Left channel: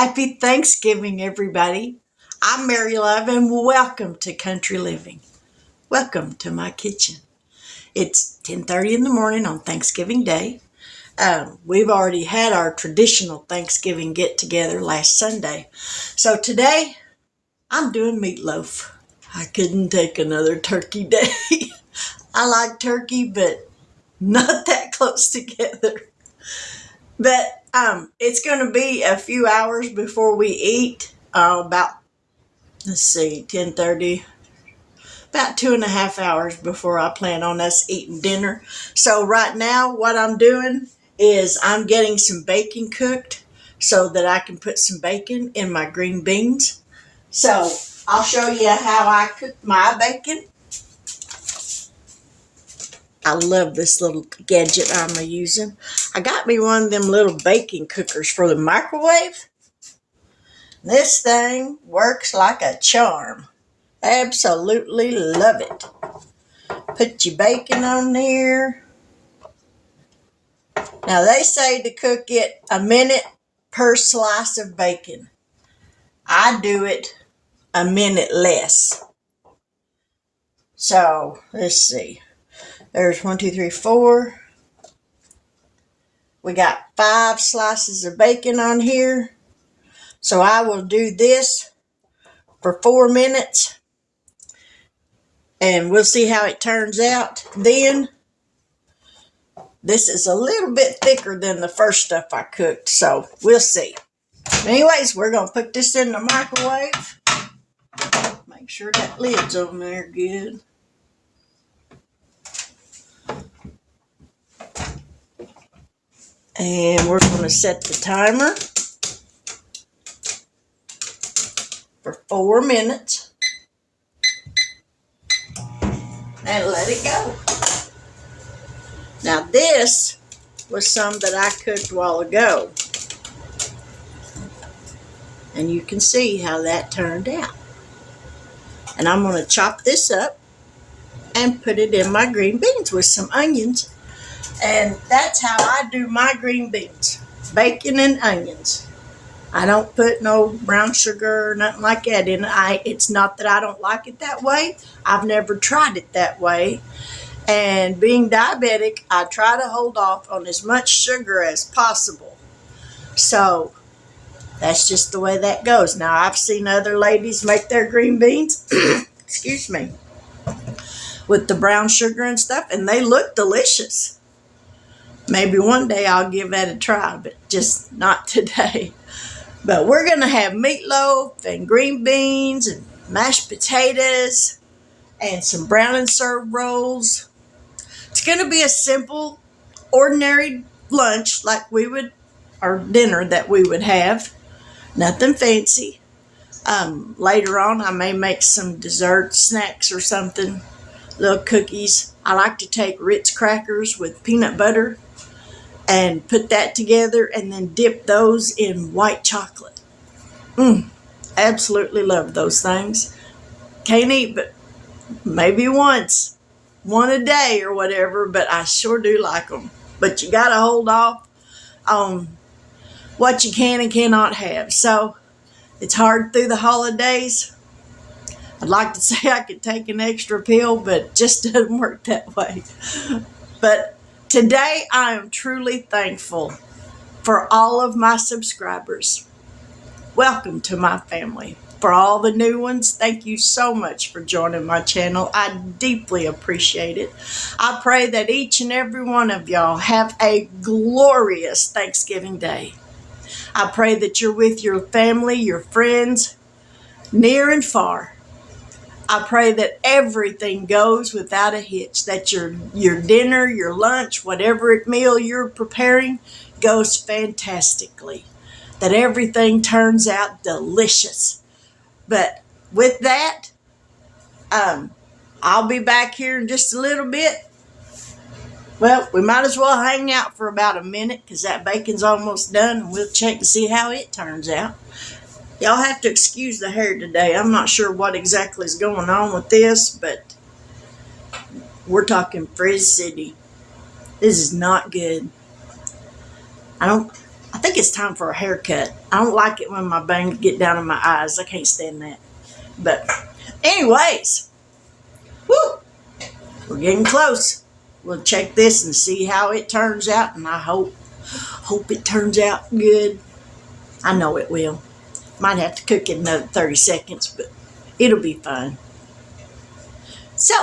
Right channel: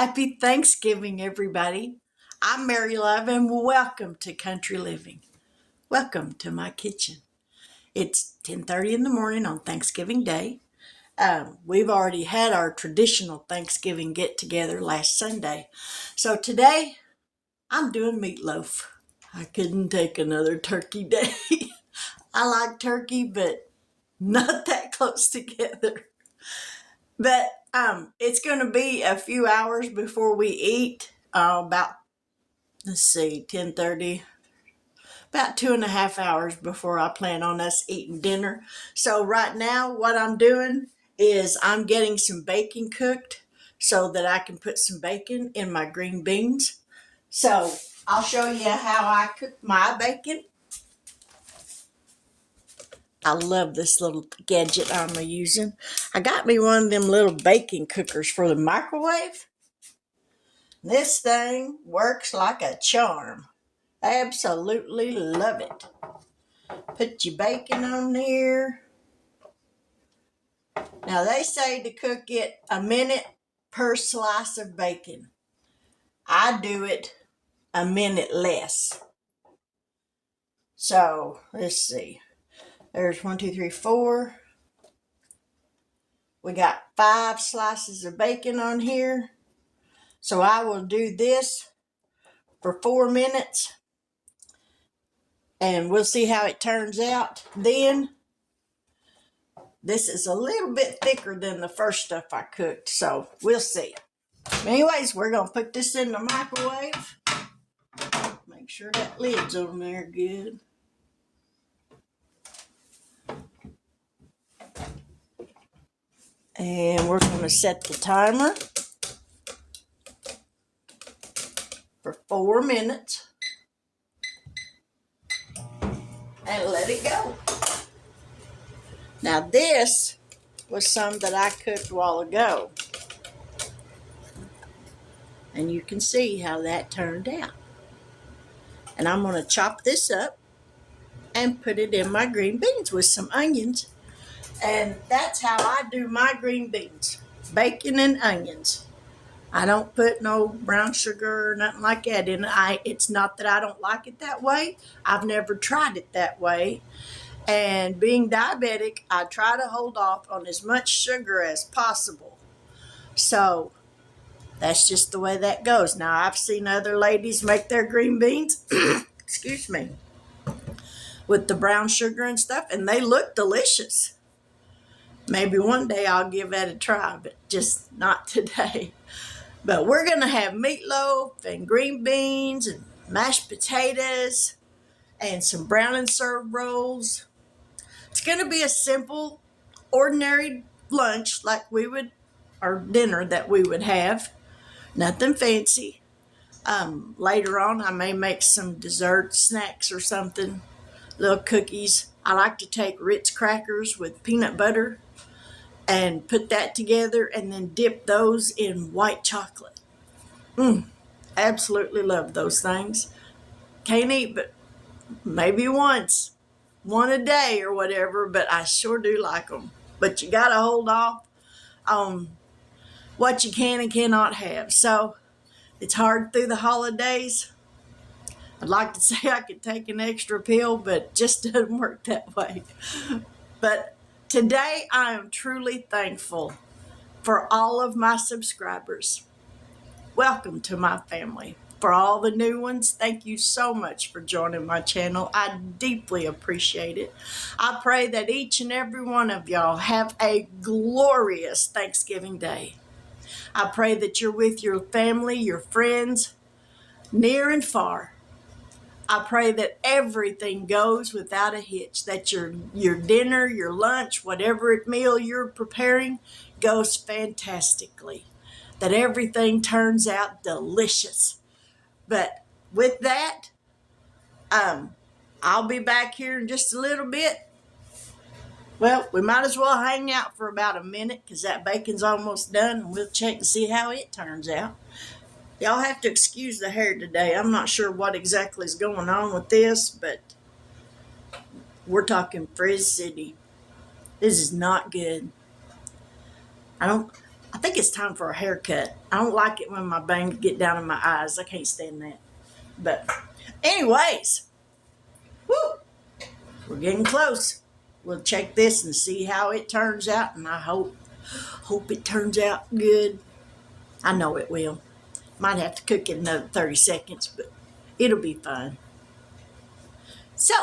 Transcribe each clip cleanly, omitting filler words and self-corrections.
Happy Thanksgiving, everybody. I'm Mary Love, and welcome to Country Living. Welcome to my kitchen. It's 10:30 in the morning on Thanksgiving Day. We've already had our traditional Thanksgiving get-together last Sunday. So today, I'm doing meatloaf. I couldn't take another turkey day. I like turkey, but not that close together. But it's going to be a few hours before we eat. About, let's see, 10:30. About 2.5 hours before I plan on us eating dinner. So right now, what I'm doing is I'm getting some bacon cooked so that I can put some bacon in my green beans. So I'll show you how I cook my bacon. I love this little gadget I'm using. I got me one of them little baking cookers for the microwave. This thing works like a charm. Absolutely love it. Put your bacon on there. Now they say to cook it a minute per slice of bacon. I do it a minute less. So let's see. There's 1, 2, 3, 4. We got 5 slices of bacon on here. So I will do this for 4 minutes. And we'll see how it turns out. Then, this is a little bit thicker than the first stuff I cooked. So we'll see. Anyways, we're going to put this in the microwave. Make sure that lid's on there good. And we're going to set the timer for 4 minutes. And let it go. Now this was some that I cooked a while ago. And you can see how that turned out. And I'm going to chop this up and put it in my green beans with some onions. And that's how I do my green beans. Bacon and onions. I don't put no brown sugar or nothing like that in it. It's not that I don't like it that way. I've never tried it that way. And being diabetic, I try to hold off on as much sugar as possible. So that's just the way that goes. Now, I've seen other ladies make their green beans, excuse me, with the brown sugar and stuff, and they look delicious. Maybe one day I'll give that a try, but just not today. But we're going to have meatloaf and green beans and mashed potatoes and some brown and served rolls. It's going to be a simple, ordinary lunch like we would, or dinner that we would have. Nothing fancy. Later on, I may make some dessert snacks or something. Little cookies. I like to take Ritz crackers with peanut butter and put that together and then dip those in white chocolate. Absolutely love those things. Can't eat but maybe one a day or whatever, but I sure do like them. But you got to hold off on what you can and cannot have. So it's hard through the holidays. I'd like to say I could take an extra pill, but it just doesn't work that way. But today I am truly thankful for all of my subscribers. Welcome to my family. For all the new ones, thank you so much for joining my channel. I deeply appreciate it. I pray that each and every one of y'all have a glorious Thanksgiving Day. I pray that you're with your family, your friends, near and far. I pray that everything goes without a hitch, that your dinner, your lunch, whatever meal you're preparing goes fantastically, that everything turns out delicious. But with that, I'll be back here in just a little bit. Well, we might as well hang out for about a minute because that bacon's almost done, and we'll check to see how it turns out. Y'all have to excuse the hair today. I'm not sure what exactly is going on with this, but we're talking Frizz City. This is not good. I think it's time for a haircut. I don't like it when my bangs get down in my eyes. I can't stand that. But anyways, whoo, we're getting close. We'll check this and see how it turns out, and I hope it turns out good. I know it will. Might have to cook it another 30 seconds, but it'll be fine. So,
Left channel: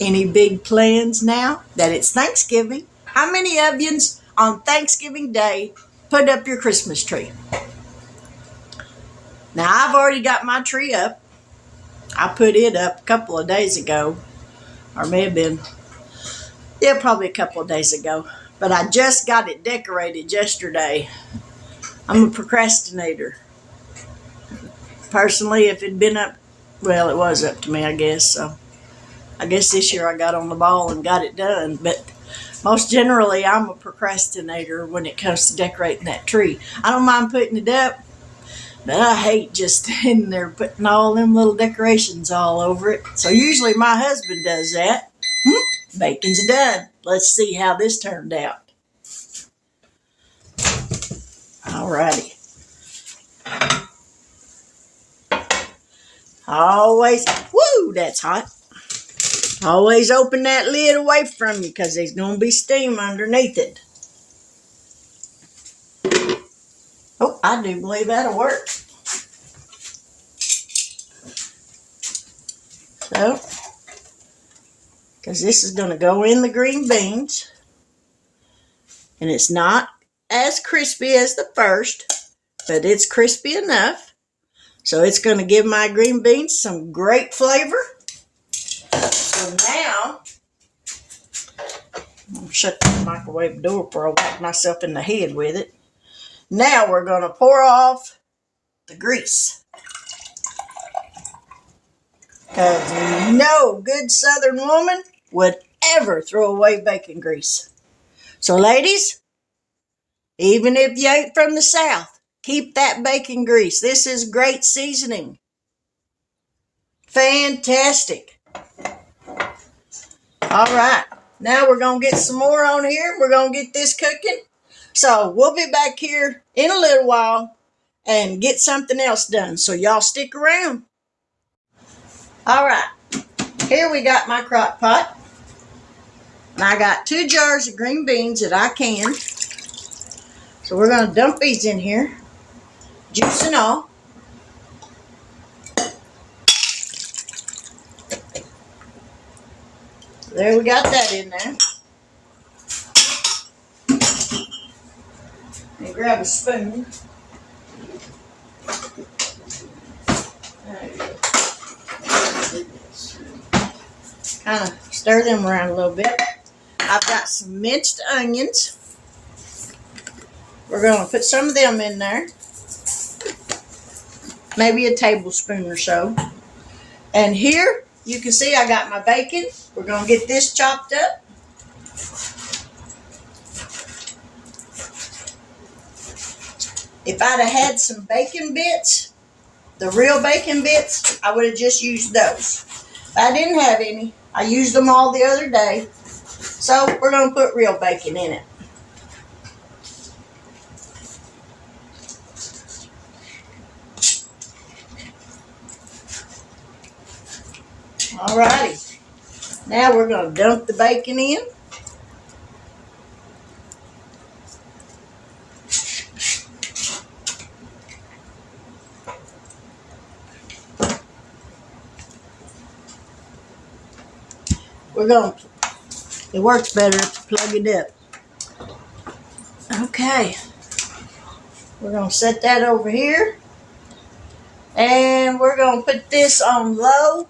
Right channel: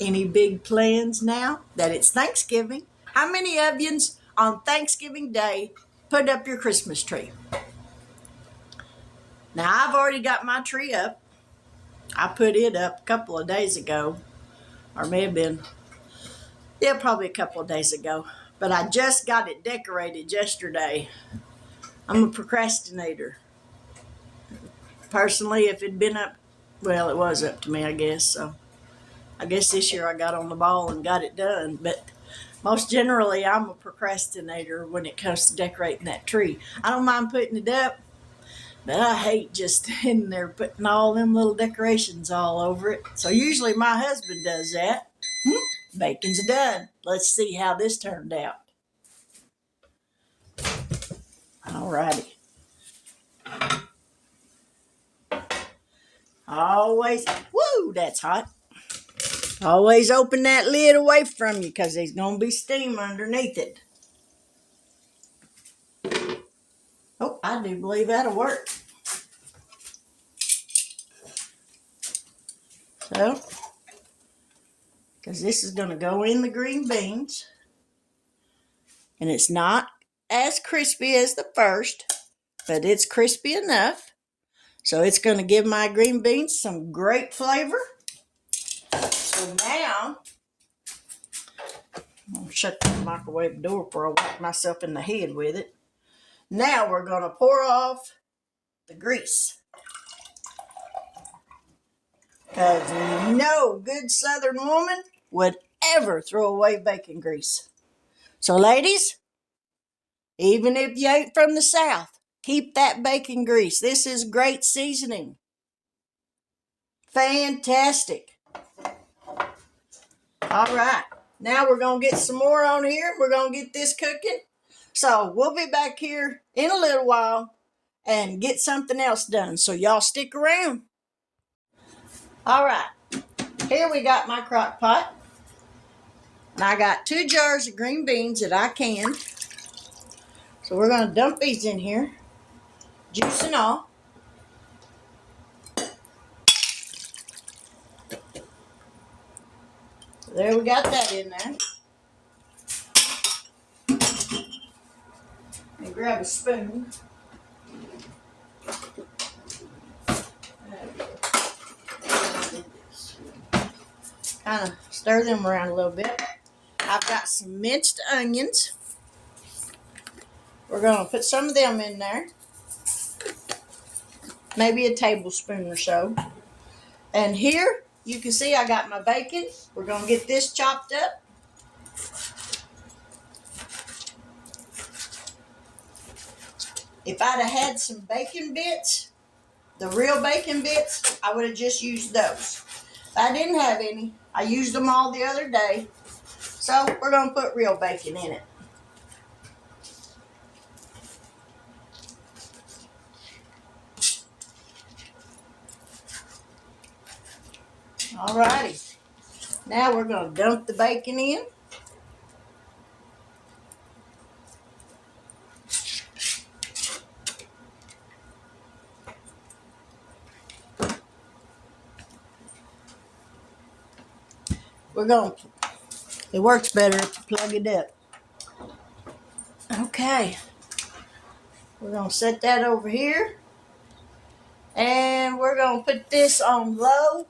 any big plans now that it's Thanksgiving? How many of you on Thanksgiving Day put up your Christmas tree? Now, I've already got my tree up. I put it up a couple of days ago, or may have been, yeah, probably a couple of days ago. But I just got it decorated yesterday. I'm a procrastinator. Personally, if it'd been up, well, it was up to me, I guess. So I guess this year I got on the ball and got it done. But most generally, I'm a procrastinator when it comes to decorating that tree. I don't mind putting it up, but I hate just standing there putting all them little decorations all over it. So usually my husband does that. Bacon's done. Let's see how this turned out. Alrighty. Always, woo, that's hot. Always open that lid away from you because there's going to be steam underneath it. Oh, I do believe that'll work. So, because this is going to go in the green beans. And it's not as crispy as the first, but it's crispy enough. So it's going to give my green beans some great flavor. So now, I'm going to shut the microwave door before I whack myself in the head with it. Now we're going to pour off the grease. Because no good Southern woman would ever throw away bacon grease. So ladies, even if you ain't from the South, keep that bacon grease. This is great seasoning. Fantastic. All right. Now we're going to get some more on here. We're going to get this cooking. So we'll be back here in a little while and get something else done. So y'all stick around. All right. Here we got my crock pot. And I got 2 jars of green beans that I canned. So we're going to dump these in here. Juice and all. There we got that in there. And grab a spoon. Kind of stir them around a little bit. I've got some minced onions. We're going to put some of them in there. Maybe a tablespoon or so. And here, you can see I got my bacon. We're going to get this chopped up. If I'd have had some bacon bits, the real bacon bits, I would have just used those. If I didn't have any, I used them all the other day. So we're going to put real bacon in it. Alrighty. Now we're going to dump the bacon in. It works better if you plug it up. Okay. We're going to set that over here. And we're going to put this on low.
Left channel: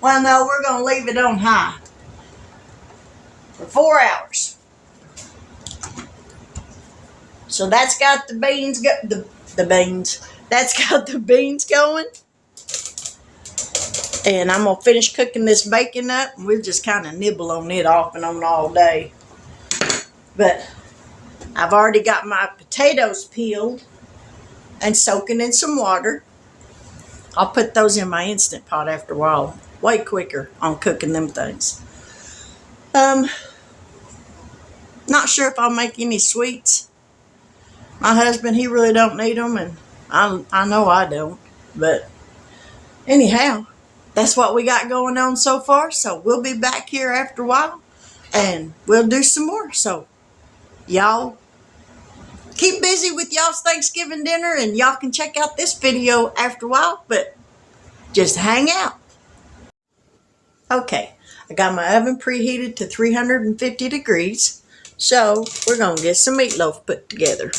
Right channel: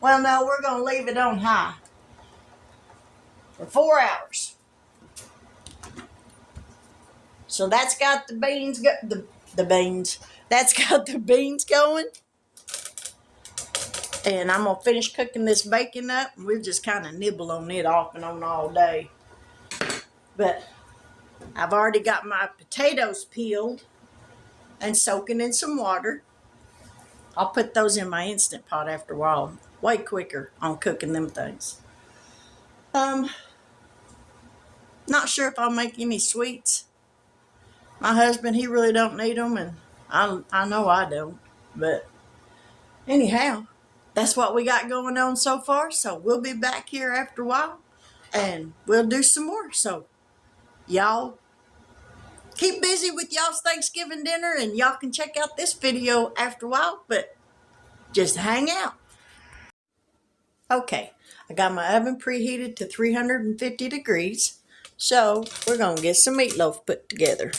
Well, no, we're going to leave it on high for 4 hours. So that's got the beans, that's got the beans going. And I'm going to finish cooking this bacon up. And we'll just kind of nibble on it off and on all day. But I've already got my potatoes peeled and soaking in some water. I'll put those in my Instant Pot after a while. Way quicker on cooking them things. Not sure if I'll make any sweets. My husband, he really don't need them, and I know I don't. But anyhow, that's what we got going on so far. So we'll be back here after a while, and we'll do some more. So y'all keep busy with y'all's Thanksgiving dinner, and y'all can check out this video after a while, but just hang out. Okay, I got my oven preheated to 350 degrees, so we're going to get some meatloaf put together.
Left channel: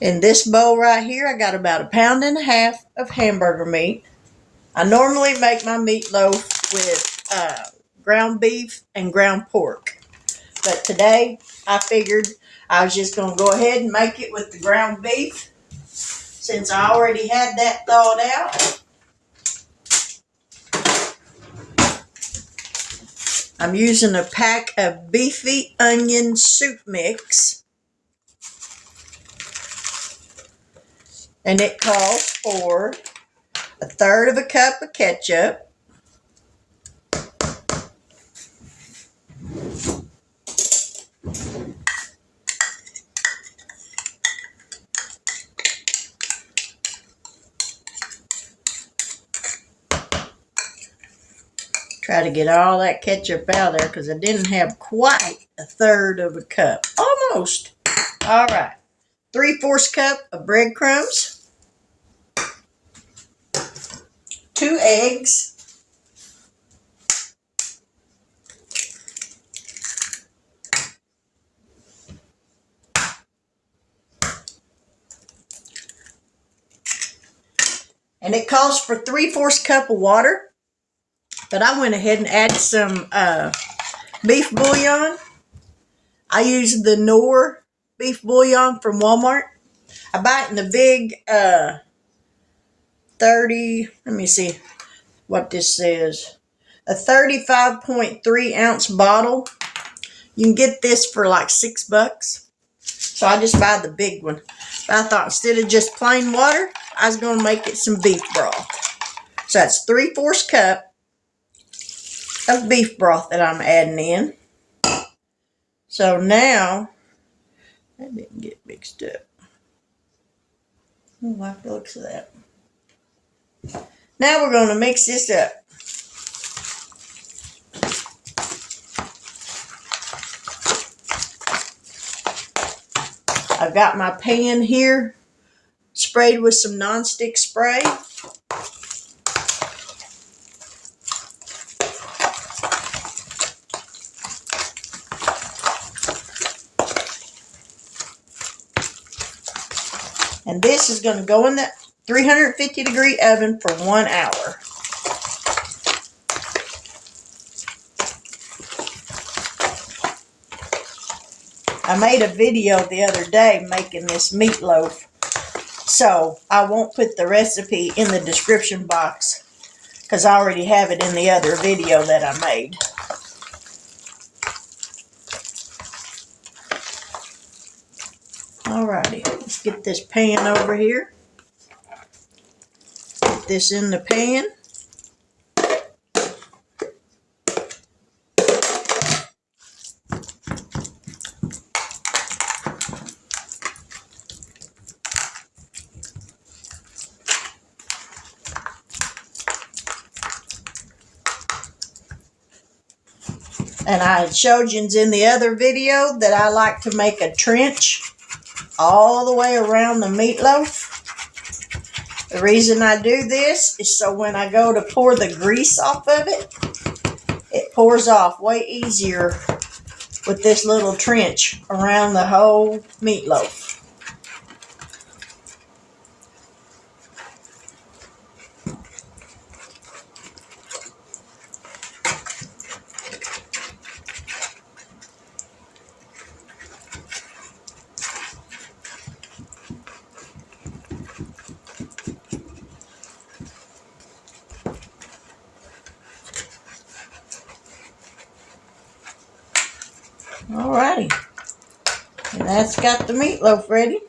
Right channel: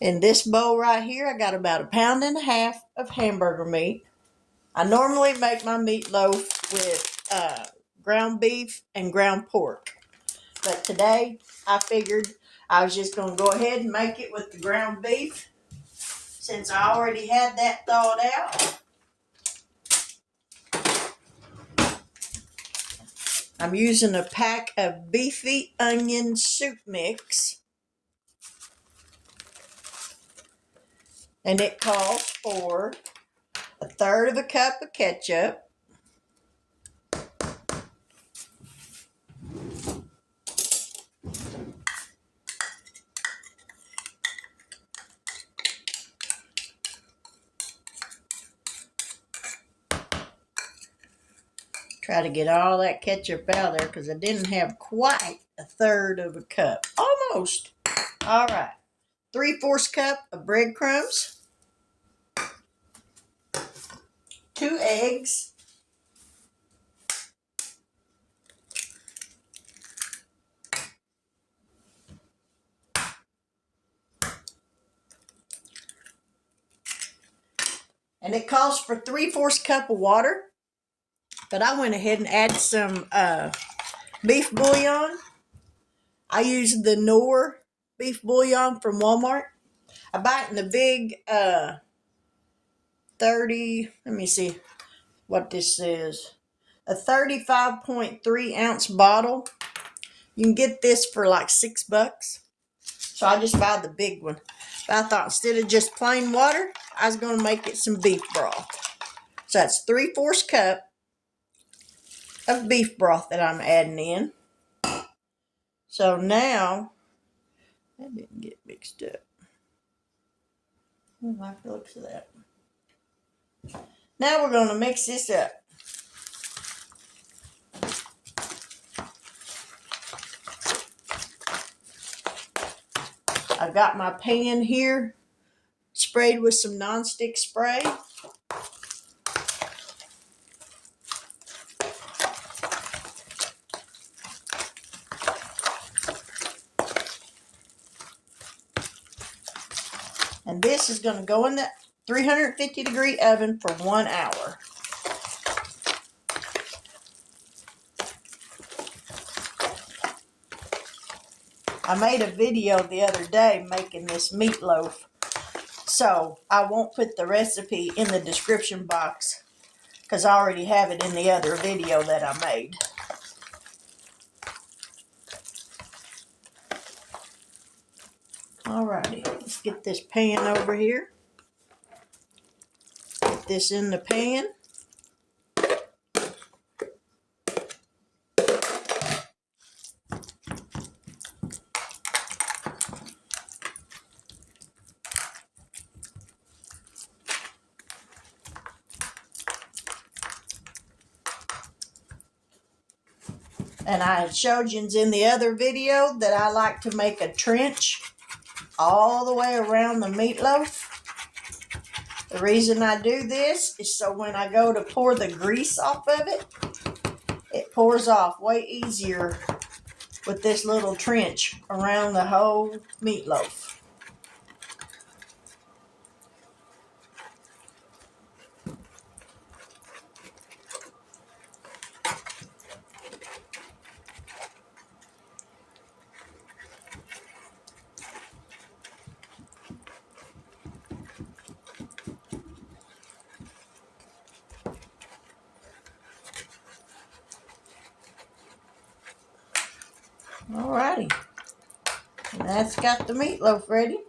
In this bowl right here, I got about 1.5 pounds of hamburger meat. I normally make my meatloaf with ground beef and ground pork, but today I figured I was just going to go ahead and make it with the ground beef since I already had that thawed out. I'm using a pack of beefy onion soup mix, and it calls for 1/3 cup of ketchup, 'Try to get all that ketchup out of there because I didn't have quite 1/3 cup. Almost. All right. 3/4 cup of breadcrumbs, 2 eggs, and it calls for 3/4 cup of water. But I went ahead and added some beef bouillon. I use the Knorr beef bouillon from Walmart. I buy it in the big 30, let me see what this says. A 35.3 ounce bottle. You can get this for like $6. So I just buy the big one. But I thought instead of just plain water, I was going to make it some beef broth. So that's 3/4 cup of beef broth that I'm adding in. So now, that didn't get mixed up. I like the looks of that. Now we're going to mix this up. I've got my pan here sprayed with some nonstick spray. And this is going to go in the 350 degree oven for 1 hour. I made a video the other day making this meatloaf, so I won't put the recipe in the description box because I already have it in the other video that I made. Alrighty, let's get this pan over here. Put this in the pan. And I showed you in the other video that I like to make a trench all the way around the meatloaf. The reason I do this is so when I go to pour the grease off of it, it pours off way easier with this little trench around the whole meatloaf. Alrighty, and that's got the meatloaf ready.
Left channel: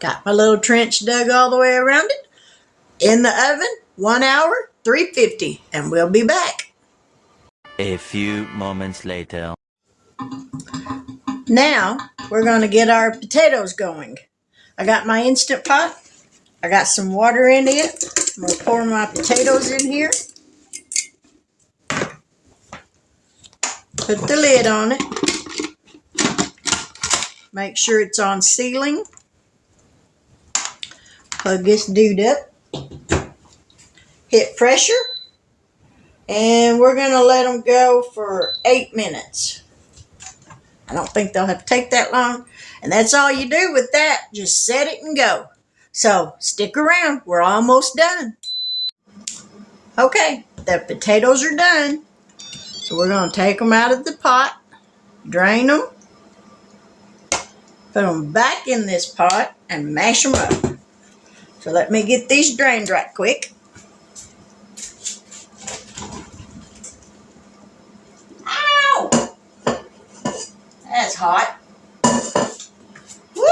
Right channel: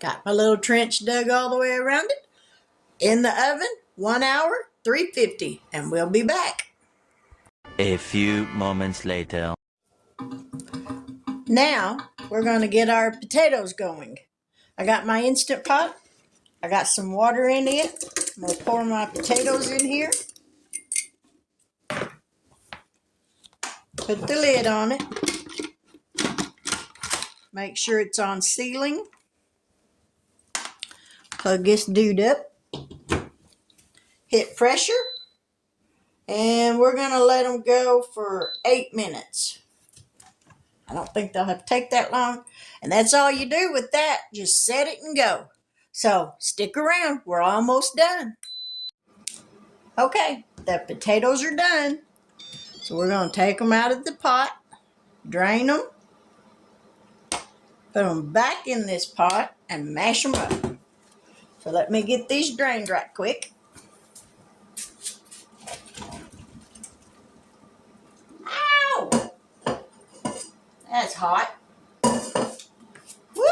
Got my little trench dug all the way around it. In the oven, 1 hour, 350, and we'll be back. A few moments later. Now we're going to get our potatoes going. I got my Instant Pot. I got some water in it. I'm going to pour my potatoes in here. Put the lid on it. Make sure it's on sealing. Plug this dude up. Hit pressure. And we're going to let them go for 8 minutes. I don't think they'll have to take that long. And that's all you do with that. Just set it and go. So stick around. We're almost done. Okay, the potatoes are done. So we're going to take them out of the pot. Drain them. Put them back in this pot and mash them up. So let me get these drained right quick. Ow! That's hot. Woo!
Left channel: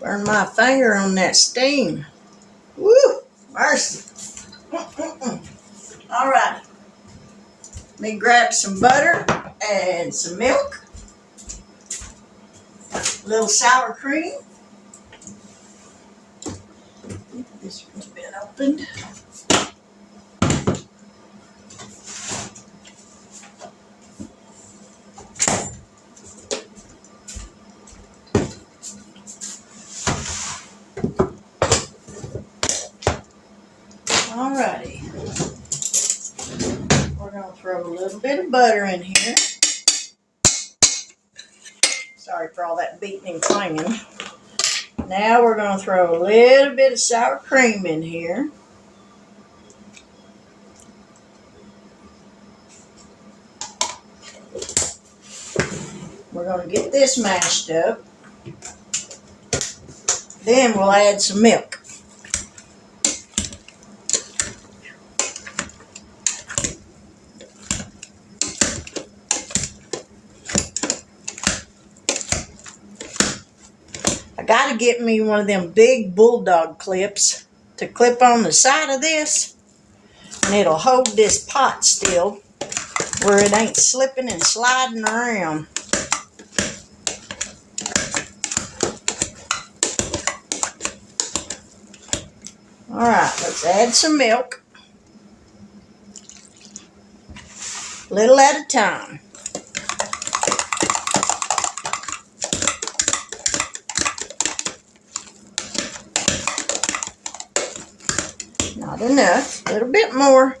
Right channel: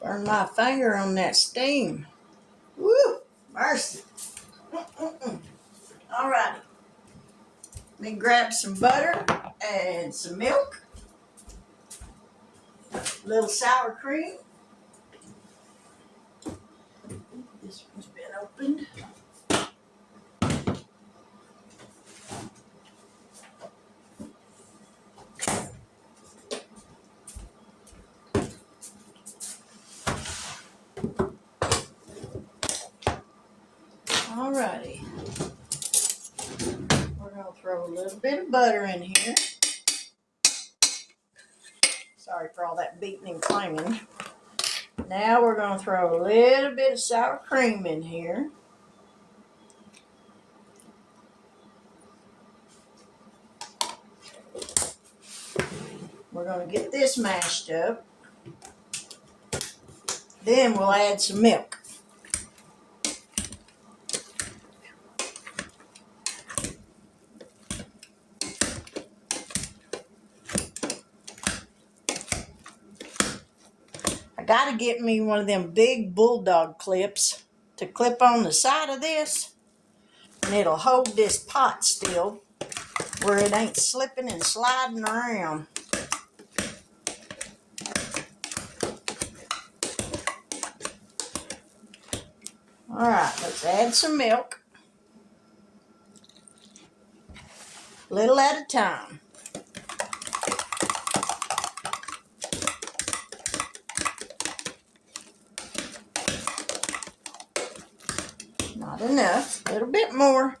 Burn my finger on that steam. Woo! Mercy. All right. Let me grab some butter and some milk. A little sour cream. This one's been opened. Alrighty. We're going to throw a little bit of butter in here. Sorry for all that beating and clanging. Now we're going to throw a little bit of sour cream in here. We're going to get this mashed up. Then we'll add some milk. I got to get me one of them big bulldog clips to clip on the side of this, and it'll hold this pot still where it ain't slipping and sliding around. All right, let's add some milk, little at a time. Not enough, a little bit more.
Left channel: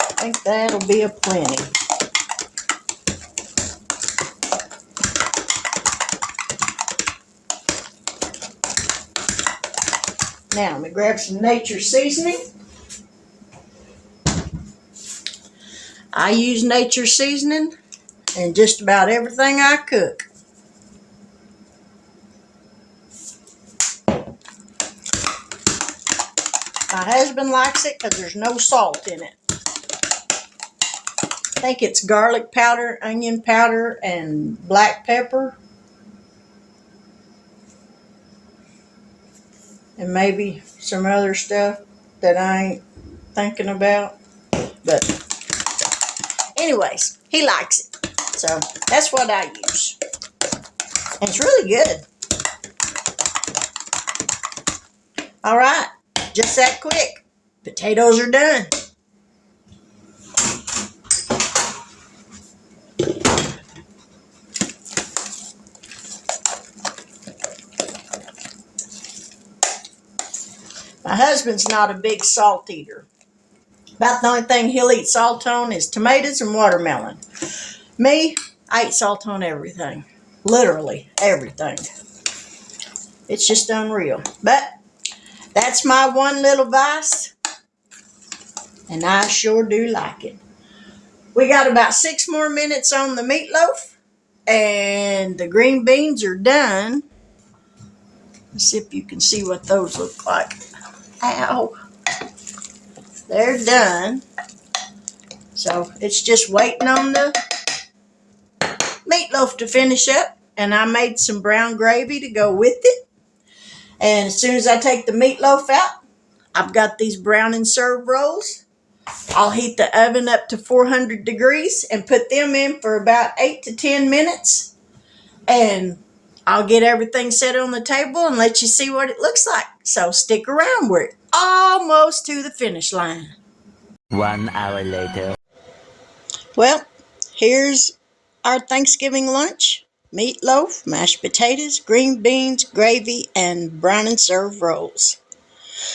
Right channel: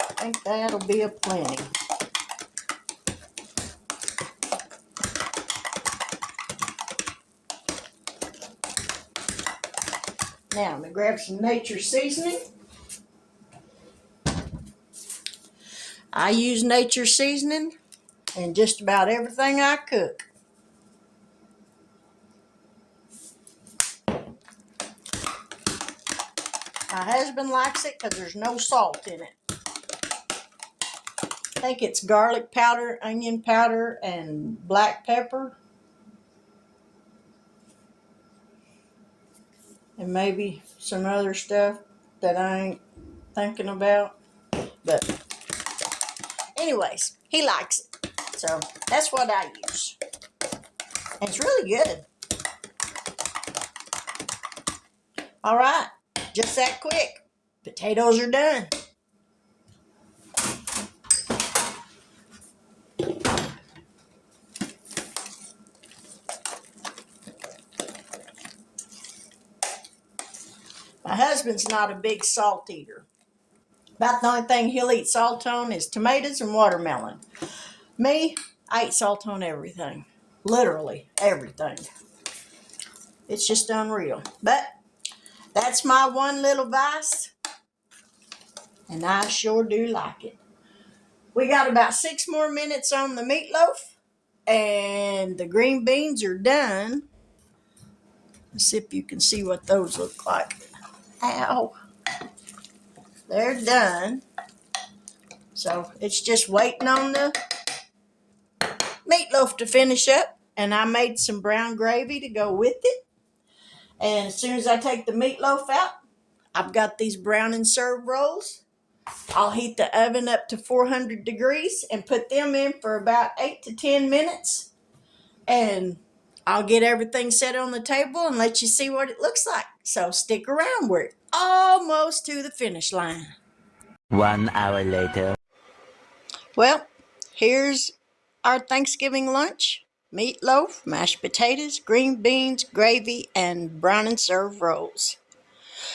I think that'll be a plenty. Now, I'm going to grab some nature seasoning. I use nature seasoning in just about everything I cook. My husband likes it because there's no salt in it. I think it's garlic powder, onion powder, and black pepper. And maybe some other stuff that I ain't thinking about. But anyways, he likes it. So that's what I use. And it's really good. All right, just that quick. Potatoes are done. My husband's not a big salt eater. About the only thing he'll eat salt on is tomatoes and watermelon. Me, I eat salt on everything. Literally everything. It's just unreal. But that's my one little vice. And I sure do like it. We got about 6 more minutes on the meatloaf. And the green beans are done. Let's see if you can see what those look like. Ow. They're done. So it's just waiting on the meatloaf to finish up, and I made some brown gravy to go with it. And as soon as I take the meatloaf out, I've got these brown and serve rolls. I'll heat the oven up to 400 degrees and put them in for about 8 to 10 minutes. And I'll get everything set on the table and let you see what it looks like. So stick around. We're almost to the finish line. 1 hour later. Well, here's our Thanksgiving lunch. Meatloaf, mashed potatoes, green beans, gravy, and brown and serve rolls.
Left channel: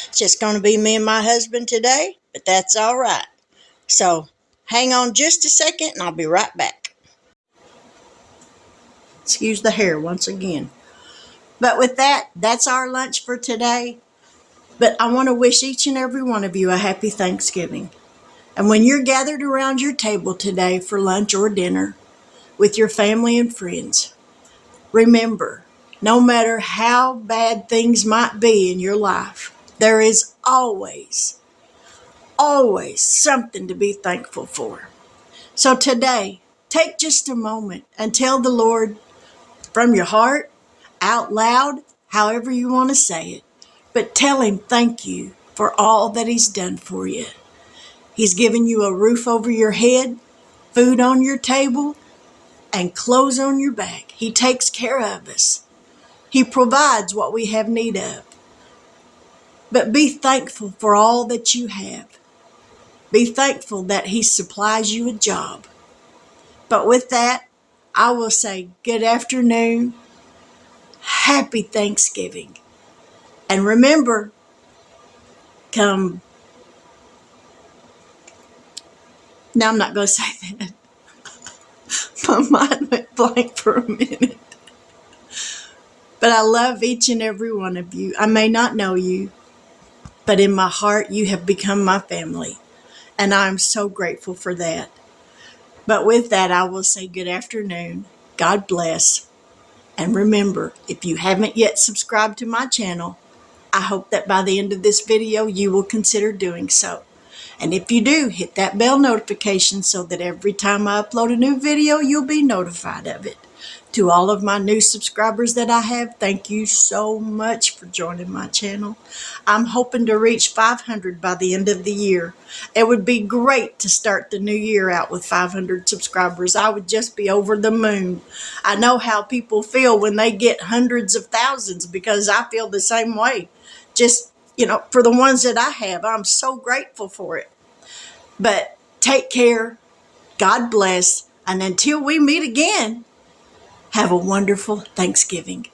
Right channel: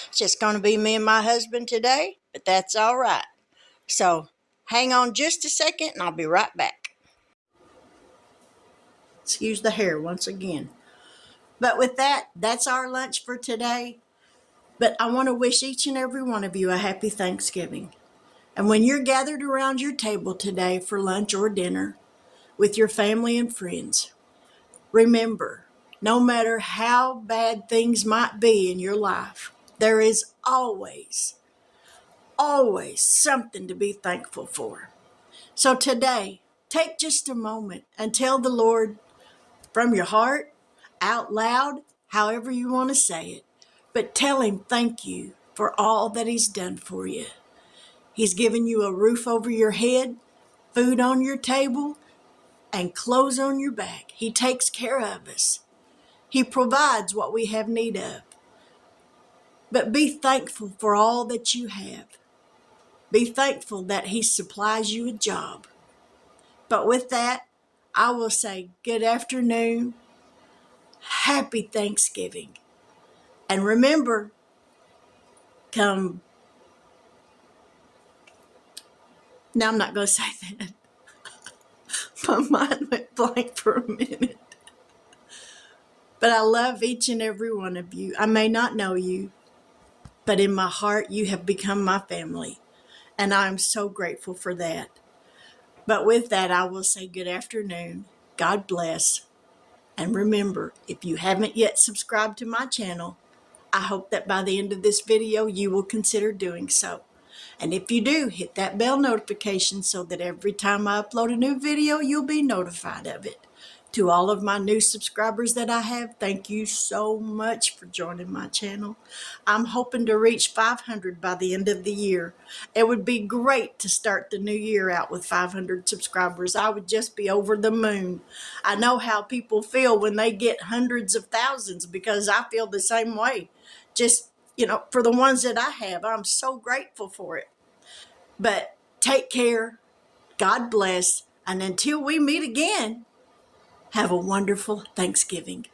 It's just going to be me and my husband today, but that's all right. So hang on just a second and I'll be right back. Excuse the hair once again. But with that, that's our lunch for today. But I want to wish each and every one of you a happy Thanksgiving. And when you're gathered around your table today for lunch or dinner with your family and friends, remember, no matter how bad things might be in your life, there is always something to be thankful for. So today, take just a moment and tell the Lord from your heart, out loud, however you want to say it, but tell him thank you for all that he's done for you. He's given you a roof over your head, food on your table, and clothes on your back. He takes care of us. He provides what we have need of. But be thankful for all that you have. Be thankful that he supplies you a job. But with that, I will say good afternoon, happy Thanksgiving. And remember, now I'm not going to say that. My mind went blank for a minute. But I love each and every one of you. I may not know you, but in my heart, you have become my family. And I'm so grateful for that. But with that, I will say good afternoon. God bless. And remember, if you haven't yet subscribed to my channel, I hope that by the end of this video, you will consider doing so. And if you do, hit that bell notification so that every time I upload a new video, you'll be notified of it. To all of my new subscribers that I have, thank you so much for joining my channel. I'm hoping to reach 500 by the end of the year. It would be great to start the new year out with 500 subscribers. I would just be over the moon. I know how people feel when they get hundreds of thousands because I feel the same way. Just, for the ones that I have, I'm so grateful for it. But take care. God bless. And until we meet again, have a wonderful Thanksgiving.